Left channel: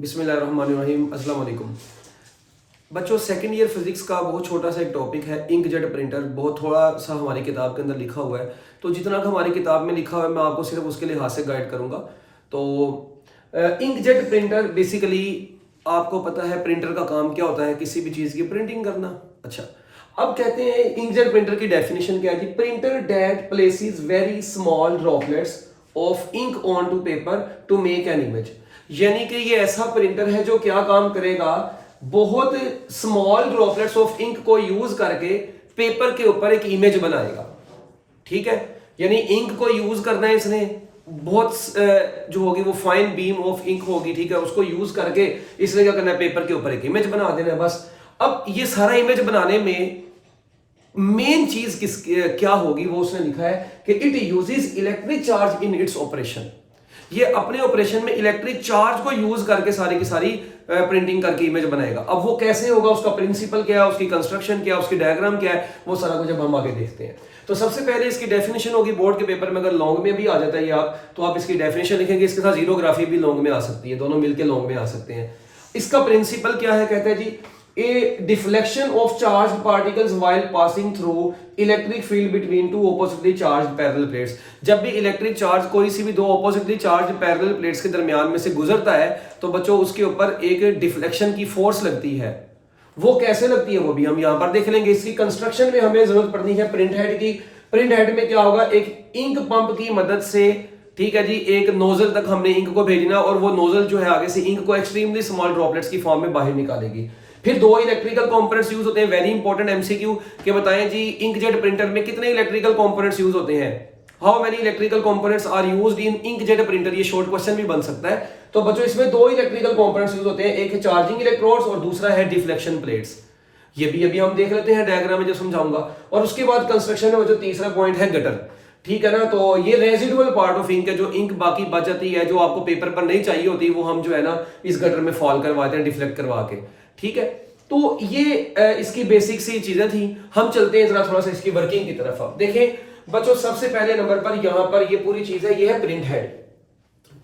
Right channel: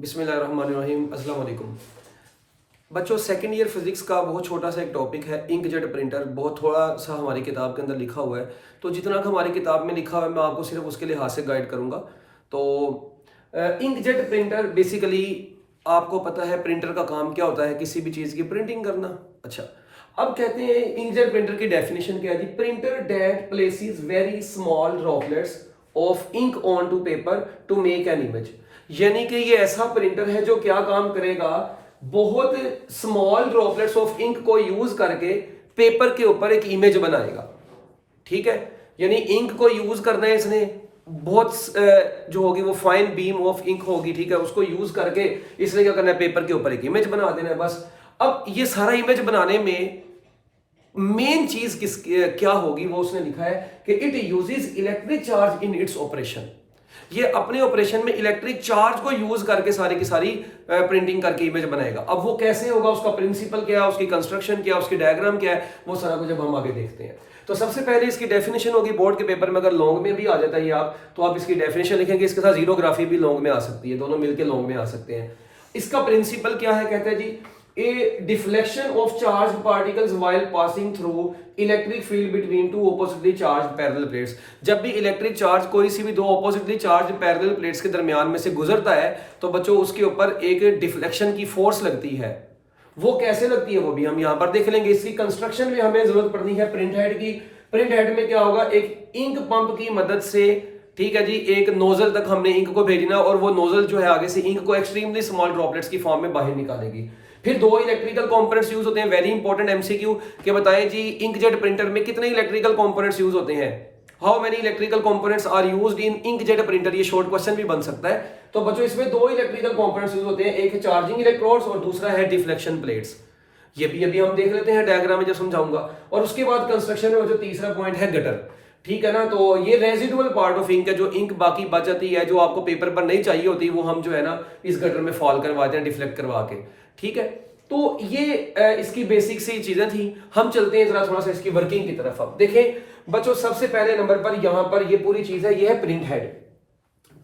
बिस्मिल्लाहिर्रहमानिर्रहीम अस्सलाम वालेकुम। बच्चों, सेकंड ईयर फिजिक्स का बहुत छोटा सा एक टॉपिक है इंकजेट प्रिंटर। बहुत थोड़ा सा हमारी किताब के अंदर लिखा हुआ है, तो जितना का हमारी किताब में लिखा हुआ है मैं आपको सिर्फ उसके लिहाज से गाइड करूंगा। तो इंकजेट प्रिंटर बेसिकली आपको पता है प्रिंटर का काम क्या होता है, किसी भी चीज़ की प्रिंटिंग करना। अच्छा, अब कहते हैं इंकजेट प्रिंटर की डेफिनेशन क्या है जी? Printer that places very small droplets of ink onto paper to make an image. यानी कि ये ऐसा प्रिंटर है जो क्या काम करेगा, बहुत स्मॉल ड्रॉपलेट्स ऑफ इंक को यूज करके पेपर के ऊपर एक इमेज बनाएगा। ठीक है, यानी इंक को यूज करना है इसने, बहुत जो होगी वो फाइन बीम ऑफ इंक होगी, ठीक है, उसको यूज करके इसने क्या करना है, पेपर के ऊपर एक इमेज बना देना है बस। अब ये सारा इमेज बनाने में मेन चीज क्या होगी, वो उसने लिखा है कि it uses electric charge in its operation. ये अपने ऑपरेशन में इलेक्ट्रिक चार्ज को यूज करके सारी की सारी प्रिंटिंग करके इमेज बनाएगा। अब वो कैसे होगा, उसका प्रिंसिपल क्या है, उसकी कंस्ट्रक्शन क्या है, उसकी डायग्राम क्या है, वो सारा कुछ अब हम आगे देखते हैं। तो सबसे पहले इसकी डेफिनेशन होगी, बोर्ड के पेपर में अगर लॉन्ग में भी आ जाता है ये आप, तो आप इसकी डेफिनेशन लिखेंगे, इसके साथ जीरोग्राफी भी लॉन्ग में आ सकती है, दोनों मिलकर लॉन्ग में आ सकते हैं। इसका प्रिंसिपल क्या है, कहते हैं जी a deflection of charge particles while passing through electric field between two oppositely charge parallel plates. जब भी इलेक्ट्रिक चार्ज कोई सी भी दो ऑपोजिटली चार्ज पैरेलल प्लेट्स के दरमियान में से गुजरता है तो बच्चों उसके ऊपर एक डिफ्लेक्शन की फोर्स लगती है। वो कैसे लगती है वो भी हम यहां पर देख लेंगे। इसकी कंस्ट्रक्शन में हमें जरूरत पड़नी है प्रिंट हेड की। प्रिंट हेड में क्या होगा, एक इंक पंप की मदद से, ठीक है जी, एक नोजल तक हमने इंक को भेजना और वो नोजल जो है आगे से इंक को एक्सट्रीमली स्मॉल ड्रॉपलेट्स की फॉर्म में बाहर निकालेगी। फिर दो इलेक्ट्रिकल कंपोनेंट्स यूज होते हैं। वेरी इंपॉर्टेंट एमसीक्यू के बताएं जी, इंकजेट प्रिंटर में कितने इलेक्ट्रिकल कंपोनेंट्स यूज होते हैं? How many electrical components are used in inkjet printer? ये शॉर्ट क्वेश्चन भी बन सकता है। तो बच्चों इसमें दो इलेक्ट्रिकल कंपोनेंट्स यूज होते हैं, एक है चार्जिंग इलेक्ट्रोड्स और दूसरा है डिफ्लेक्शन प्लेट्स। ये भी अभी हम देख लेते हैं डायग्राम में जो समझाऊंगा। और उसके बाद कंस्ट्रक्शन में जो तीसरा पॉइंट है गटर, ठीक है ना। तो ये रेजिडुअल पार्ट ऑफ इंक है, जो इंक बाकी बच जाती है, जो आपको पेपर पर नहीं चाहिए होती, वो हम जो है ना इस गटर में फॉल करवाते हैं डिफ्लेक्ट करवा के। ठीक है, तो ये इसकी बेसिक सी चीजें थी। हम चलते हैं जरा थोड़ा सा इसकी वर्किंग की तरफ। अब देखें बच्चों, सबसे पहले नंबर पर यहां पर ये पूरी चीज है, ये है प्रिंट हेड।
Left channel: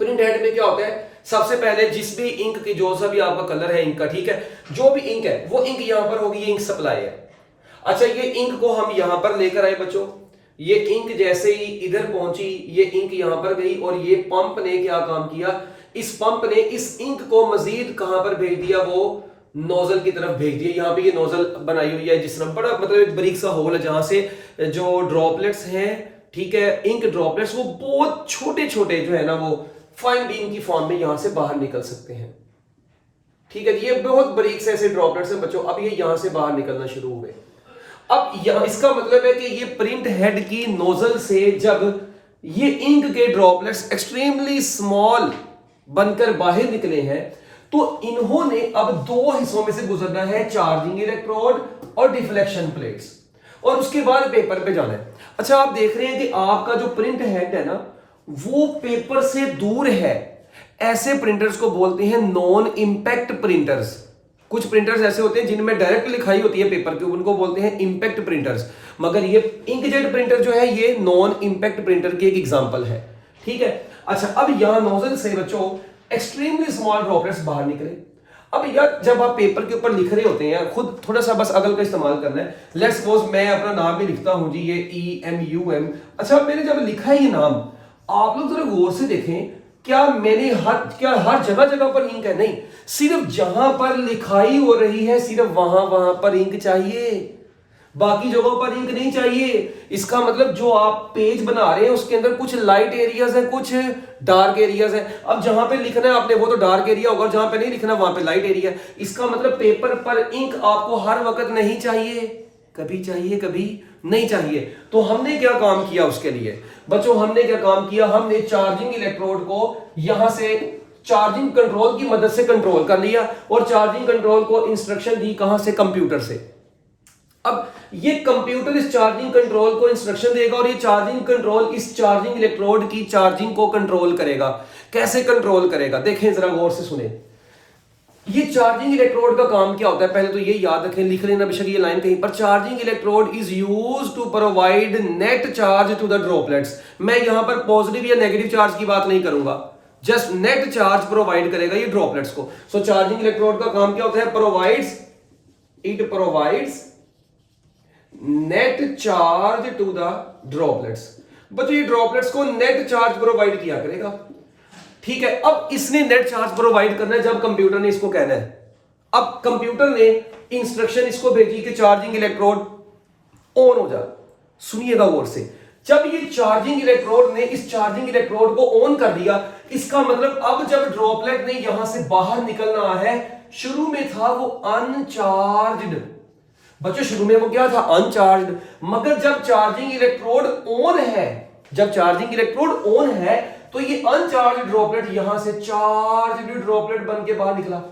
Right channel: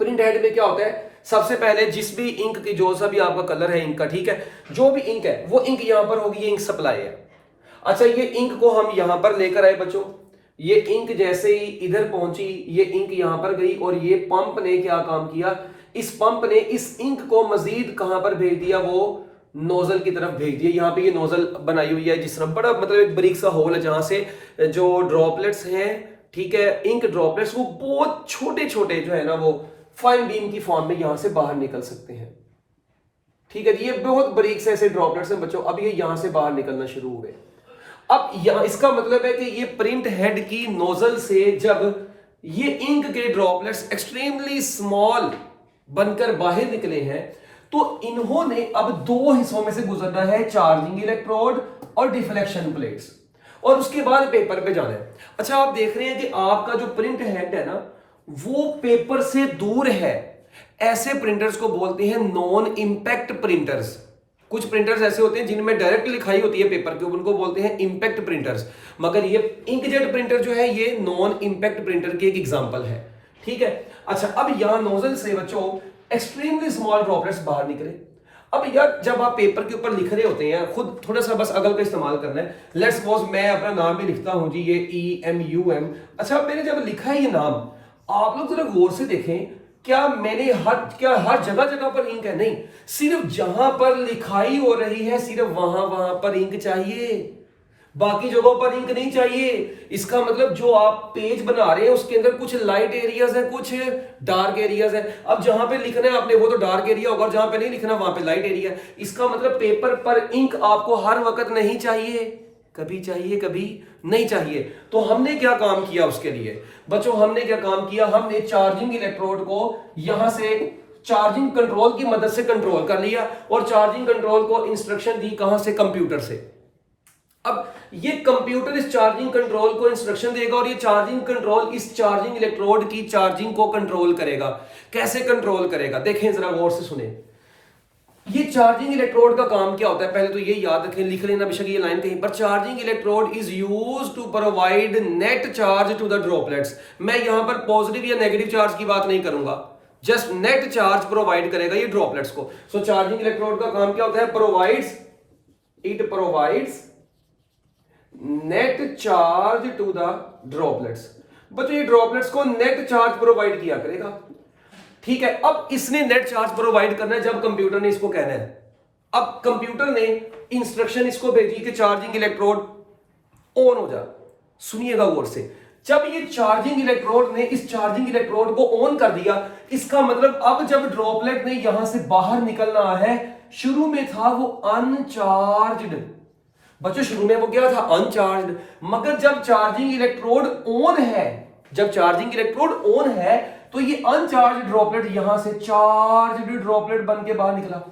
प्रिंट हेड में क्या होता है, सबसे पहले जिस भी इंक की जो सा भी आपका कलर है इंक का, ठीक है, जो भी इंक है वो इंक यहां पर होगी, ये इंक सप्लाई है। अच्छा, ये इंक को हम यहां पर लेकर आए बच्चों। ये इंक जैसे ही इधर पहुंची, ये इंक यहां पर गई और ये पंप ने क्या काम किया, इस पंप ने इस इंक को मजीद कहां पर भेज दिया, वो नोजल की तरफ भेज दिया। यहाँ पे ये नोजल बनाई हुई है जिस तरह बड़ा मतलब एक बारीक सा होल है जहां से जो ड्रॉपलेट्स हैं, ठीक है, इंक ड्रॉपलेट्स, वो बहुत छोटे छोटे जो है ना वो फाइन बीम की फॉर्म में यहां से बाहर निकल सकते हैं। ठीक है, ये बहुत बारीक से ऐसे ड्रॉपलेट्स हैं बच्चों। अब ये यहां से बाहर निकलना शुरू हो गए। अब यहां इसका मतलब है कि ये प्रिंट हेड की नोजल से जब ये इंक के ड्रॉपलेट्स एक्सट्रीमली स्मॉल बनकर बाहर निकले हैं तो इन्होंने अब दो हिस्सों में से गुजरना है, चार्जिंग इलेक्ट्रोड और डिफ्लेक्शन प्लेट्स, और उसके बाद पेपर पे जाना है। अच्छा, आप देख रहे हैं कि आपका जो प्रिंट हेड है ना वो पेपर से दूर है। ऐसे प्रिंटर्स को बोलते हैं नॉन इंपैक्ट प्रिंटर्स। कुछ प्रिंटर्स ऐसे होते हैं जिनमें डायरेक्ट लिखाई होती है पेपर के, उनको बोलते हैं इंपैक्ट प्रिंटर्स। मगर ये इंकजेट प्रिंटर जो है ये नॉन इंपैक्ट प्रिंटर की एक एग्जांपल है। ठीक है, अच्छा, अब यहां नोजल से बच्चों एक्सट्रीमली स्मॉल ड्रॉपलेट्स बाहर निकले। अब यार जब आप पेपर के ऊपर लिख रहे होते हैं, खुद थोड़ा सा बस अकल का इस्तेमाल करना है। लेट्स सपोज मैं अपना नाम भी लिखता हूं जी, ये EMUM। अच्छा, मैंने जब लिखा है ये नाम, आप लोग जरा गौर से देखें, क्या मैंने हर जगह जगह पर इंक है? नहीं, सिर्फ जहां पर लिखाई हो रही है सिर्फ वहां पर इंक चाहिए, बाकी जगहों पर इंक नहीं चाहिए। इसका मतलब जो आप पेज बना रहे हैं उसके अंदर कुछ लाइट एरियाज है, कुछ डार्क एरियाज है। अब जहां पे लिखना है आपने वो तो डार्क एरिया होगा, जहां पे नहीं लिखना वहां पे लाइट एरिया। इसका मतलब पेपर पर इंक आपको हर वक्त नहीं चाहिए, कभी चाहिए कभी नहीं चाहिए। तो हमने क्या काम किया उसके लिए बच्चों, हमने क्या काम किया, हमने चार्जिंग इलेक्ट्रोड को यहां से चार्जिंग कंट्रोल की मदद से कंट्रोल कर लिया और चार्जिंग कंट्रोल को इंस्ट्रक्शन दी कहां से, कंप्यूटर से। अब ये कंप्यूटर इस चार्जिंग कंट्रोल को इंस्ट्रक्शन देगा और ये चार्जिंग कंट्रोल इस चार्जिंग इलेक्ट्रोड की चार्जिंग को कंट्रोल करेगा। कैसे कंट्रोल करेगा, देखें जरा गौर से सुने। ये चार्जिंग इलेक्ट्रोड का काम क्या होता है, पहले तो ये याद रखें, लिख लेना बेशक ये लाइन कहीं पर। Charging electrode is used to provide net charge to the droplets. मैं यहां पर पॉजिटिव या नेगेटिव चार्ज की बात नहीं करूंगा, जस्ट नेट चार्ज प्रोवाइड करेगा ये ड्रॉपलेट्स को। सो चार्जिंग इलेक्ट्रोड का काम क्या होता है? It provides net charge to the droplets. बच्चों ये ड्रॉपलेट्स को नेट चार्ज प्रोवाइड किया करेगा, ठीक है। अब इसने नेट चार्ज प्रोवाइड करना है जब कंप्यूटर ने इसको कहना है। अब कंप्यूटर ने इंस्ट्रक्शन इसको भेजी कि चार्जिंग इलेक्ट्रोड ऑन हो जा। सुनिएगा गौर से, जब ये चार्जिंग इलेक्ट्रोड ने इस चार्जिंग इलेक्ट्रोड को ऑन कर दिया, इसका मतलब अब जब ड्रॉपलेट ने यहां से बाहर निकलना है, शुरू में था वो अनचार्ज्ड। बच्चों शुरू में वो क्या था? अनचार्ज्ड। मगर जब चार्जिंग इलेक्ट्रोड ऑन है, जब चार्जिंग इलेक्ट्रोड ऑन है, तो ये अनचार्ज्ड ड्रॉपलेट यहां से चार्ज्ड ड्रॉपलेट बन के बाहर निकला।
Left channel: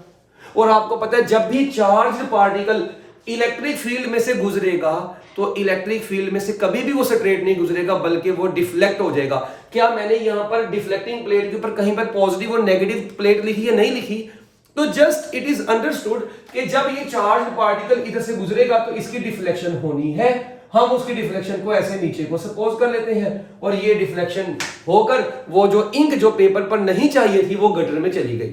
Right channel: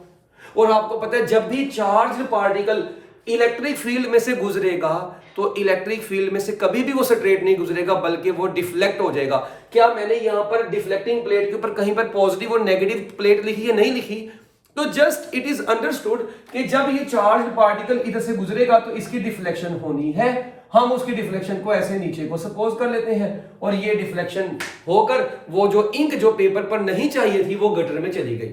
और आपको पता है जब भी चार्ज्ड पार्टिकल इलेक्ट्रिक फील्ड में से गुजरेगा तो इलेक्ट्रिक फील्ड में से कभी भी वो स्ट्रेट नहीं गुजरेगा, बल्कि वो डिफ्लेक्ट हो जाएगा। क्या मैंने यहां पर डिफ्लेक्टिंग प्लेट के ऊपर कहीं पर पॉजिटिव और नेगेटिव प्लेट लिखी है? नहीं लिखी। तो जस्ट इट इज अंडरस्टूड कि जब ये चार्ज पार्टिकल इधर से गुजरेगा तो इसकी डिफ्लेक्शन होनी है। हम उसकी डिफ्लेक्शन को ऐसे नीचे को सपोज कर लेते हैं, और ये डिफ्लेक्शन होकर वो जो इंक जो पेपर पर नहीं चाहिए थी वो गटर में चली गई।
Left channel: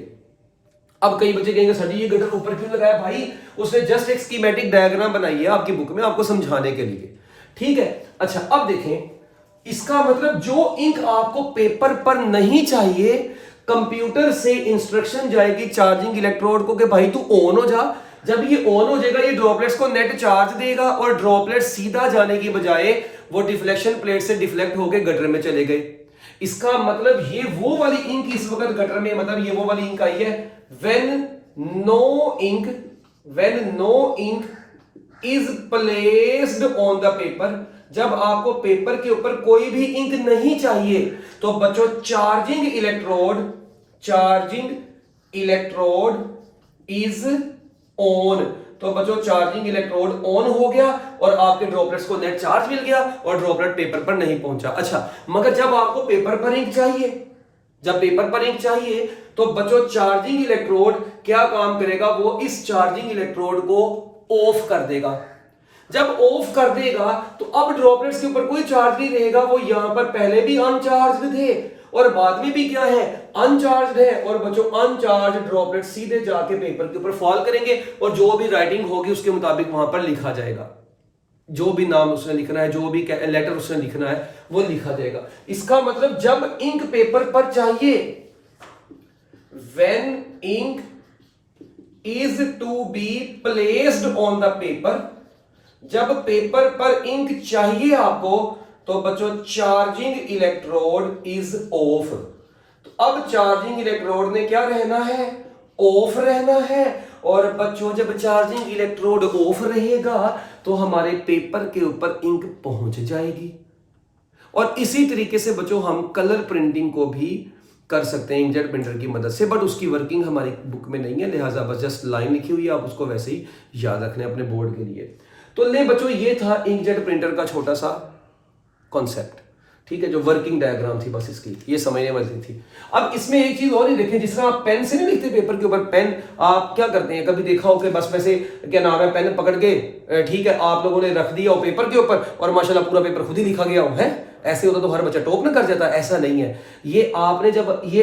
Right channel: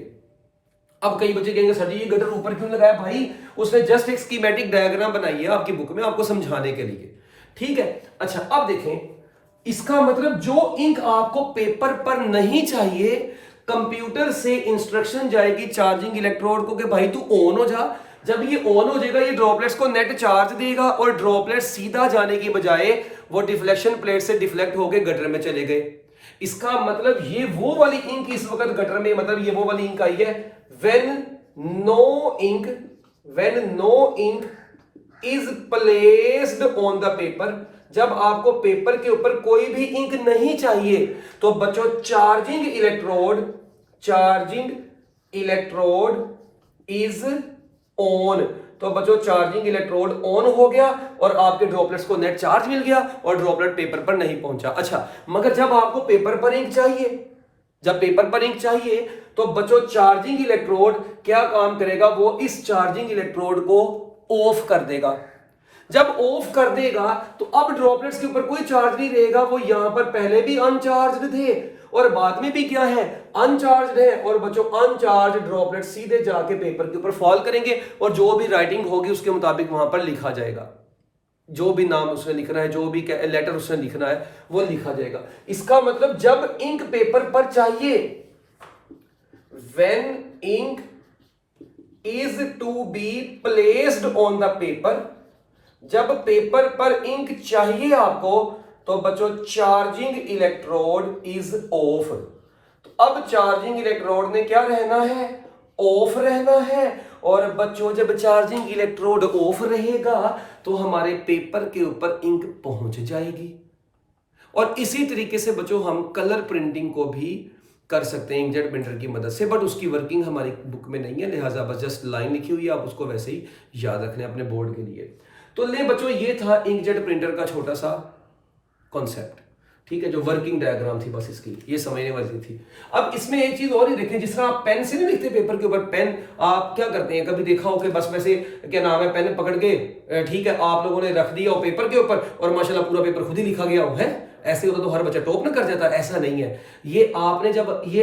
अब कई बच्चे कहेंगे सर जी ये गटर ऊपर क्यों लगाया? भाई उसने जस्ट एक स्कीमेटिक डायग्राम बनाई है आपकी बुक में आपको समझाने के लिए, ठीक है। अच्छा अब देखें, इसका मतलब जो इंक आपको पेपर पर नहीं चाहिए, कंप्यूटर से इंस्ट्रक्शन जाएगी चार्जिंग इलेक्ट्रोड को कि भाई तू ऑन हो जा। जब ये ऑन हो जाएगा ये ड्रॉपलेट्स को नेट चार्ज देगा, और ड्रॉपलेट सीधा जाने की बजाय वो डिफ्लेक्शन प्लेट से डिफ्लेक्ट होकर गटर में चले गए। इसका मतलब ये वो वाली इंक इस वक्त गटर में, मतलब ये वो वाली इंक आई है when no ink is placed on the paper। जब आपको पेपर के ऊपर कोई भी इंक नहीं चाहिए तो बच्चों चार्जिंग इलेक्ट्रोड इज ऑन। तो बच्चों चार्जिंग इलेक्ट्रोड ऑन हो गया और आपके ड्रॉपलेट्स को नेट चार्ज मिल गया और ड्रॉपलेट पेपर पर नहीं पहुंचा। अच्छा, मगर जब आपको पेपर पर इंक चाहिए, जब पेपर पर इंक चाहिए तो बच्चों चार्जिंग इलेक्ट्रोड क्या काम करेगा? वो इस चार्जिंग इलेक्ट्रोड को ऑफ कर देगा। जब ऑफ कर देगा तो अब ड्रॉपलेट्स के ऊपर कोई चार्ज नहीं रहेगा, वो यहां पर पहले भी अनचार्ज्ड थे और बाद में भी क्या है? अनचार्ज्ड है। और बच्चों अनचार्ज्ड ड्रॉपलेट सीधे जाके पेपर के ऊपर फॉल करेंगे और जो भी राइटिंग होगी उसके मुताबिक वहां पर लिखा जाएगा। जो भी नाम उसने लिखना है, जो भी लेटर उसने लिखना है वो लिखा जाएगा। इसका मतलब जब इंक पेपर पर चाहिए, when ink is to be placed on the paper, जब पेपर पर इंक चाहिए आपको तो बच्चों चार्जिंग इलेक्ट्रोड इज ऑफ। तो अब चार्जिंग इलेक्ट्रोड ने क्या रहना है? ऑफ रहना है। और बच्चों जब चार्जिंग इलेक्ट्रोड ऑफ रहेगा तो हमारे पेपर के ऊपर इंक पहुंच जाएगी। और इसी तरीके से बच्चों हम कलर प्रिंटिंग को भी कर सकते हैं इंकजेट प्रिंटर की मदद से, बट उसकी वर्किंग हमारी बुक में नहीं है, लिहाजा बस जस्ट लाइन लिखी हुई है, आप उसको वैसे ही याद रखने अपने बोर्ड के लिए। तो ले बच्चों ये था इंकजेट प्रिंटर का छोटा सा कॉन्सेप्ट, ठीक है, जो वर्किंग डायग्राम थी बस इसकी, ये समझने वाली थी। अब इसमें एक चीज और ही देखें, जिस तरह आप पेन से नहीं लिखते पेपर के ऊपर, पेन आप क्या करते हैं, कभी देखा हो कि बस वैसे क्या नाम है पेन पकड़ के, ठीक है, आप लोगों ने रख दिया हो पेपर के ऊपर और माशाल्लाह पूरा पेपर खुद ही लिखा गया हो, है ऐसे होता तो हर बच्चा टॉप ना कर जाता। ऐसा नहीं है, ये आपने जब ये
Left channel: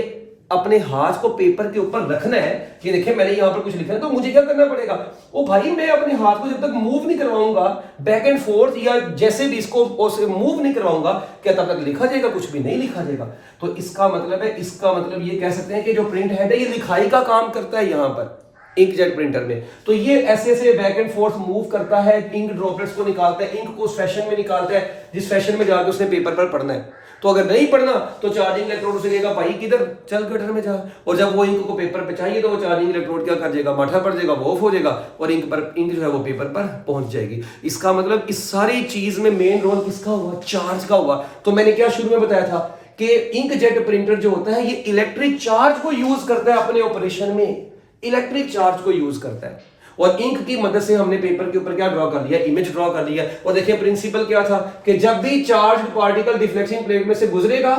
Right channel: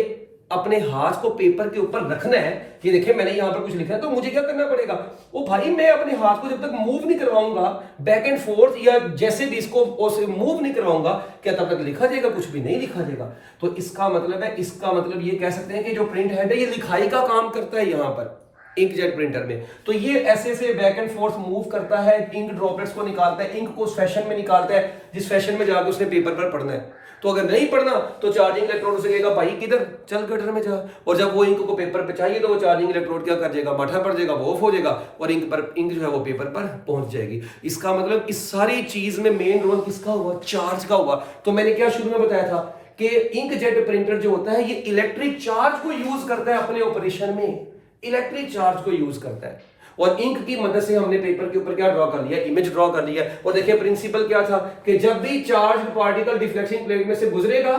अपने हाथ को पेपर के ऊपर रखना है, ये देखिए मैंने यहां पर कुछ लिखा है, तो मुझे क्या करना पड़ेगा? ओ भाई मैं अपने हाथ को जब तक मूव नहीं करवाऊंगा बैक एंड फोर्थ या जैसे भी इसको मूव नहीं करवाऊंगा, क्या तब तक लिखा जाएगा? कुछ भी नहीं लिखा जाएगा। तो इसका मतलब है, इसका मतलब ये कह सकते हैं कि जो प्रिंट हेड है ये लिखाई का काम करता है यहां पर इंकजेट प्रिंटर में। तो ये ऐसे ऐसे बैक एंड फोर्थ मूव करता है, इंक ड्रॉपलेट्स को निकालता है, इंक को उस फैशन में निकालता है जिस फैशन में जाकर उसने पेपर पर पढ़ना है। तो अगर नहीं पढ़ना तो चार्जिंग इलेक्ट्रोड से कहेगा भाई किधर चल गटर में जा, और जब वो इंक को पेपर पे चाहिए तो वो चार्जिंग इलेक्ट्रोड क्या कर जाएगा? माठा पड़ जाएगा, वो ऑफ हो जाएगा और इंक जो है वो पेपर पर पहुंच जाएगी। इसका मतलब इस सारी चीज में मेन रोल किसका हुआ? चार्ज का हुआ। तो मैंने क्या शुरू में बताया था कि इंकजेट प्रिंटर जो होता है ये इलेक्ट्रिक चार्ज को यूज करता है अपने ऑपरेशन में, इलेक्ट्रिक चार्ज को यूज करता है। और इंक की मदद से हमने पेपर के ऊपर क्या ड्रॉ कर लिया? इमेज ड्रॉ कर लिया। और देखिए प्रिंसिपल क्या था कि जब भी चार्ज पार्टिकल डिफ्लेक्टिंग प्लेट में से गुजरेगा,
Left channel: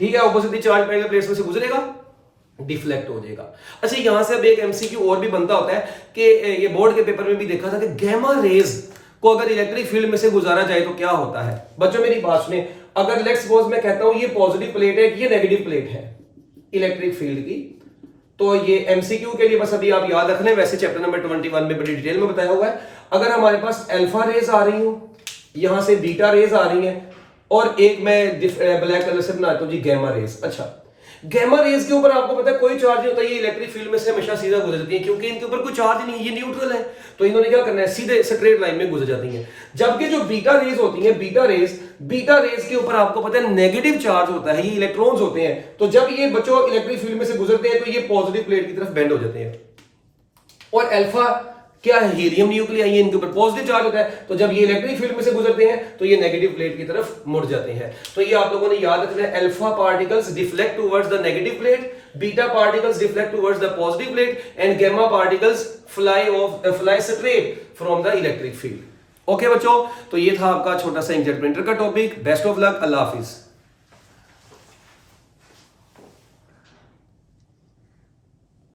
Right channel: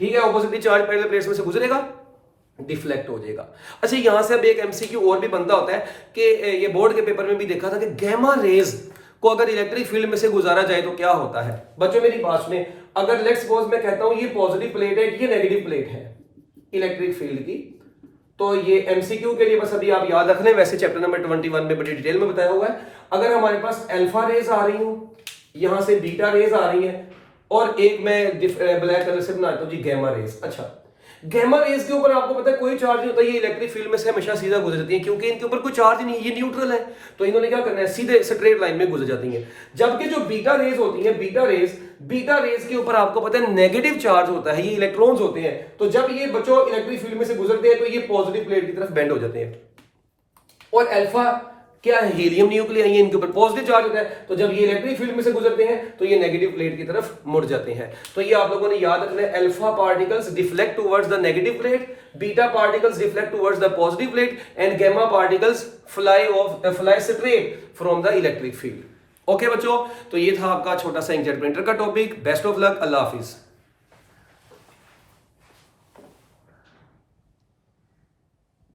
ठीक है, ऑपोजिट चार्ज पार्टिकल प्लेट में से गुजरेगा, डिफ्लेक्ट हो जाएगा। अच्छा, यहां से अब एक एमसीक्यू और भी बनता होता है कि ये बोर्ड के पेपर में भी देखा था कि गैमा रेज को अगर इलेक्ट्रिक फील्ड में से गुजारा जाए तो क्या होता है? बच्चों मेरी बात सुने, अगर लेट्स सपोज मैं कहता हूं ये पॉजिटिव प्लेट है, ये नेगेटिव प्लेट है, इलेक्ट्रिक फील्ड की। तो ये एमसीक्यू के लिए बस अभी आप याद रखना है, वैसे चैप्टर नंबर 21 में बड़ी डिटेल में बताया हुआ है। अगर हमारे पास अल्फा रेज आ रही हो, यहां से बीटा रेज आ रही है, और एक मैं ब्लैक कलर से बनाता हूं जी गैमा रेज। अच्छा, गैमा रेज के ऊपर आपको पता है कोई चार्ज नहीं होता, ये इलेक्ट्रिक फील्ड में से हमेशा सीधा गुजरती है, क्योंकि इनके ऊपर कोई चार्ज नहीं है, ये न्यूट्रल है। तो इन्होंने क्या करना है, सीधे स्ट्रेट लाइन में गुजर जाती हैं। जबकि जो बीटा रेज होती हैं, बीटा रेज के ऊपर आपको पता है नेगेटिव चार्ज होता है, ये इलेक्ट्रॉन्स होते हैं। तो जब ये बच्चों इलेक्ट्रिक फील्ड में से गुजरते हैं तो ये पॉजिटिव प्लेट की तरफ बेंड हो जाते हैं। और अल्फा क्या है, हीलियम न्यूक्लियाई, इनके ऊपर पॉजिटिव चार्ज होता है। तो जब ये इलेक्ट्रिक फील्ड में से गुजरते हैं तो ये नेगेटिव प्लेट की तरफ मुड़ जाते हैं। तो ये आप लोगों ने याद रखना है, alpha particles deflect towards the negative plate, beta particles deflect towards the positive plate, and gamma particles fly straight from the electric field. Okay बच्चों, तो ये था आपका छोटा सा इंकजेट प्रिंटर का टॉपिक। बेस्ट ऑफ लक, अल्लाह हाफिज।